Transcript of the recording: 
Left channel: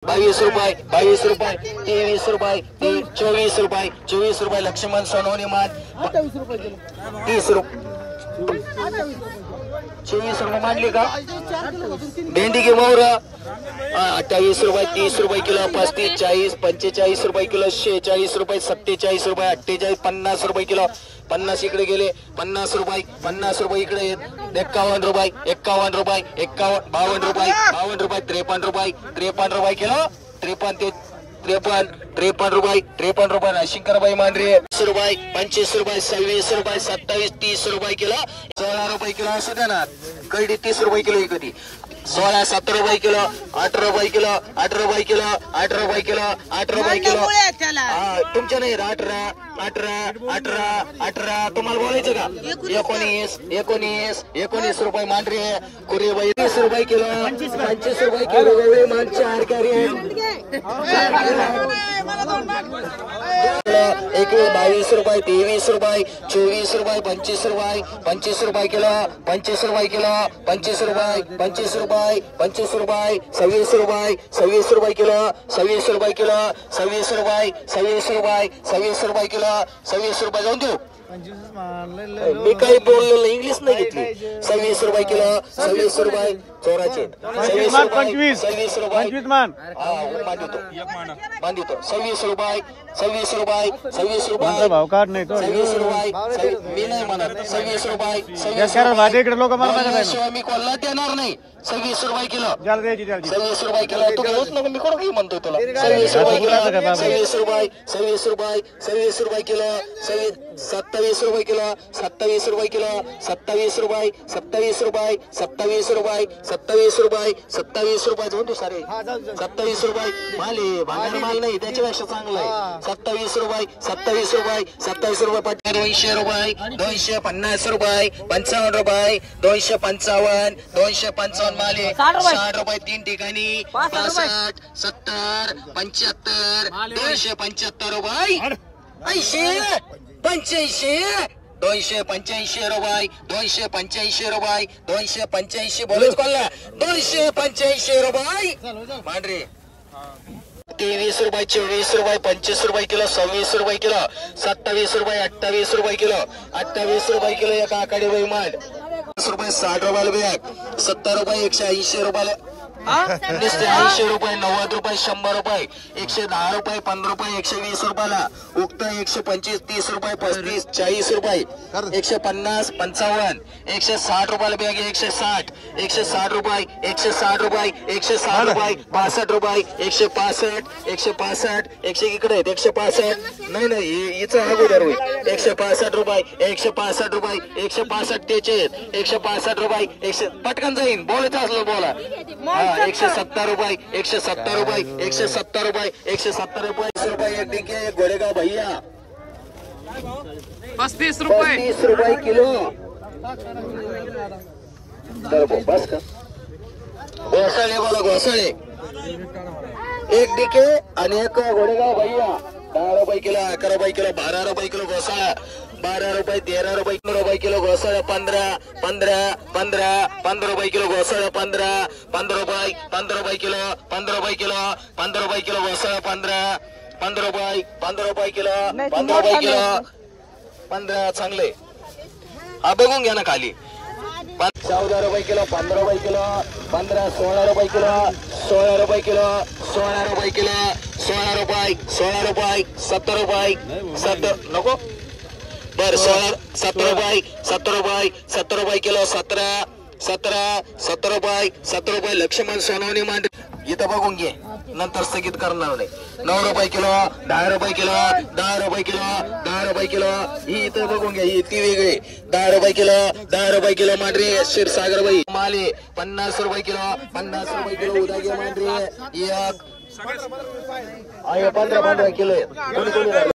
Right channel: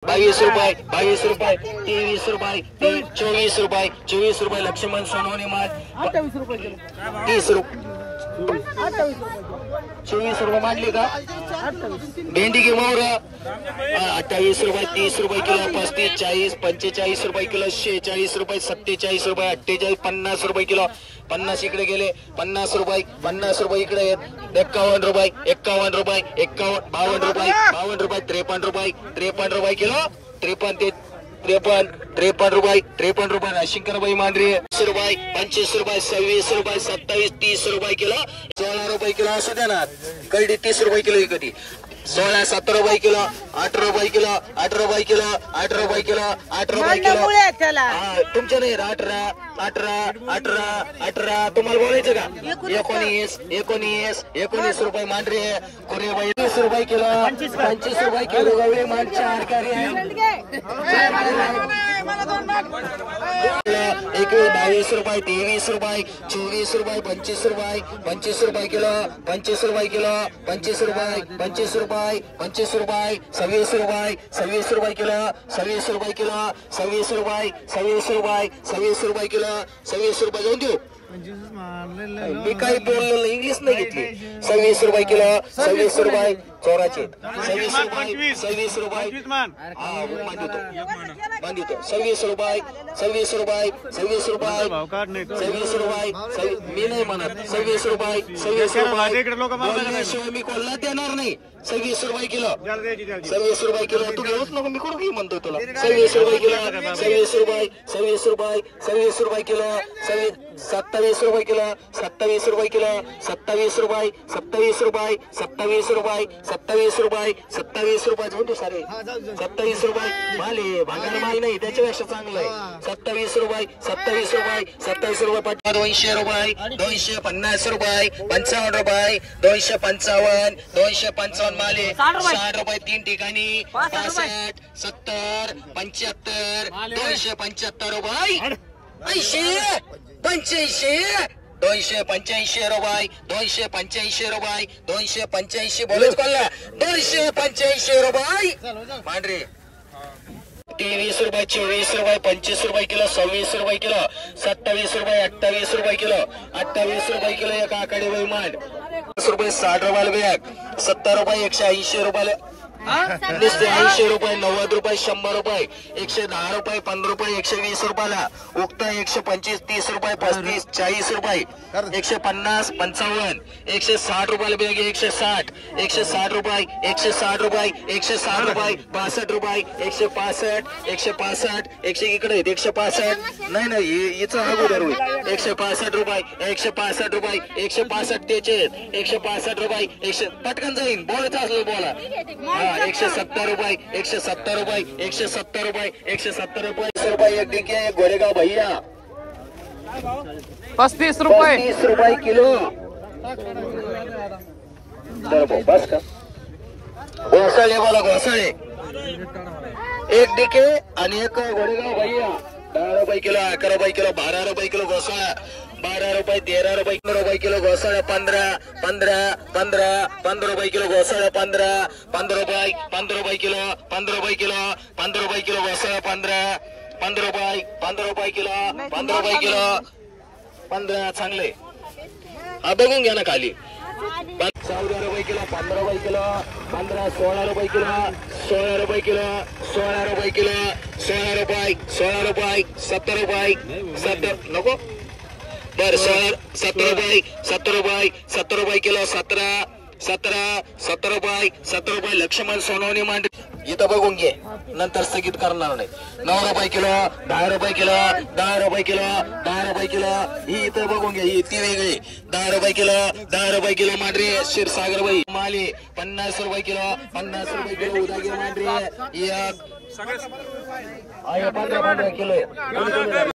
22 रुपये 23 रुपये 24 रुपये लक्ष्मण सोनवणे माल 30 रुपये 24 रुपये मांडली का भेंडी की मोहर 28 रुपये 30 रुपये किलो 35 40 45 रुपये किलो 46 रुपये 47 रुपये 48 50 रुपये किलो 50 इकडे गेले 50 रुपये इकडे आहेत 51 रुपये 52 रुपये 52 रुपये 53 रुपये किलो 53 रुपये नाशिंकरबाई मांडरे 20 रुपये 25 रुपये 26 रुपये 27 30 रुपये किलो 16 रुपये किलो असू द्या ना कैडी 30 रुपये किलो कधी 16 17 रुपये किलो 18 रुपये किलो 18 रुपये किलो 18 रुपये किलो 8 रुपये किलो तुमच्या नाही 18 तुम्हाला बोलायचं का 19 रुपये मांडरे कुरेबाई 20 रुपये किलो 25 रुपये किलो गवळे मांडचे आरकारी 21 रुपये 23 रुपये 24 रुपये 25 रुपये किलो 25 रुपये किलो 25 रुपये 26 रुपये किलो 26 रुपये किलो 26 रुपये किलो 26 रुपये जाऊन देऊ मी काही बोललो इंग्लिश नाही घेतली 26 रुपये किलो 26 रुपये चोराचे 26 रुपये 26 रुपये मांडितो 26 रुपये मी नाही म्हणत 26 रुपये शिवाय मी कोणाला देणार नाही 26 रुपये किलो 26 रुपये किलो तू घेऊच नको मी कोण काही म्हणतोय तुला 26 रुपये किलो 26 रुपये किलो 27 रुपये किलो 27 रुपये किलो 27 रुपये जाऊन तू सारे 27 रुपये माले भागार माल नाही त्याच्यापेक्षा चांगलं आहे 27 रुपये 27 रुपये 200 रुपये 250 रुपये 55 रुपये 255 माले 60 रुपये 3 ठिकाणी 65 70 75 275 रुपये 80 85 रुपये 285 बोलच कोणला 285 रुपये मांडरे 23 रुपये 24 रुपये 25 रुपये किलो 26 रुपये किलो 27 रुपये 28 रुपये किलो 28 रुपये किलो एक आकडे बाई मांड 10 रुपये 60 रुपयाला बॅग 70 रुपये 180 रुपयाला 80 रुपये 90 रुपये 100 रुपये 110 रुपये 15 रुपये 120 रुपयाला उक्त 125 30 रुपये 35 40 रुपये 150 55 160 रुपयाला बॅग 160 रुपये 160 रुपये 62 रुपये 165 इकडे 165 नाही हिचं अगोदर होईल 165 रुपये 165 त्याचे 165 रुपये पटकन जाईन बोलायचं असलं बोला 170 रुपये 170 रुपये 170 रुपये एक डिके गोरेगाव भैया 35 रुपये किलो बस का घोसाळे बोला घोसाळे एक डिके आणि एक गोरेगाव भैया 10 रुपये किलो 11 रुपये किलो 12 रुपये किलो घोसाळा 12 रुपये 13 रुपये किलो घोसाळा 15 रुपये किलो घोसाळा 15 रुपये किलो 15 रुपये किलो घोसाळा 15 रुपये किलो 15 चांगले हा बघून घ्या ना खाली 14 रुपये किलो 15 रुपये किलो 16 रुपये किलो 16 रुपये किलो 16 रुपये किलो 16 रुपये 70 रुपये नको बर 17 रुपये किलो 17 रुपये लक्ष्मण सोनवणे मांडरे इथं बघून घे नंतर स्थगित करणार नाही 9 रुपये किलो 10 रुपये किलो 10 रुपये किलो ही इथं बघून घ्या ही ती वेगळी 10 रुपये किलो मांडरे क्षीरसागर बाई माले 50 रुपये किलो उदागे मांडरे 15 किलो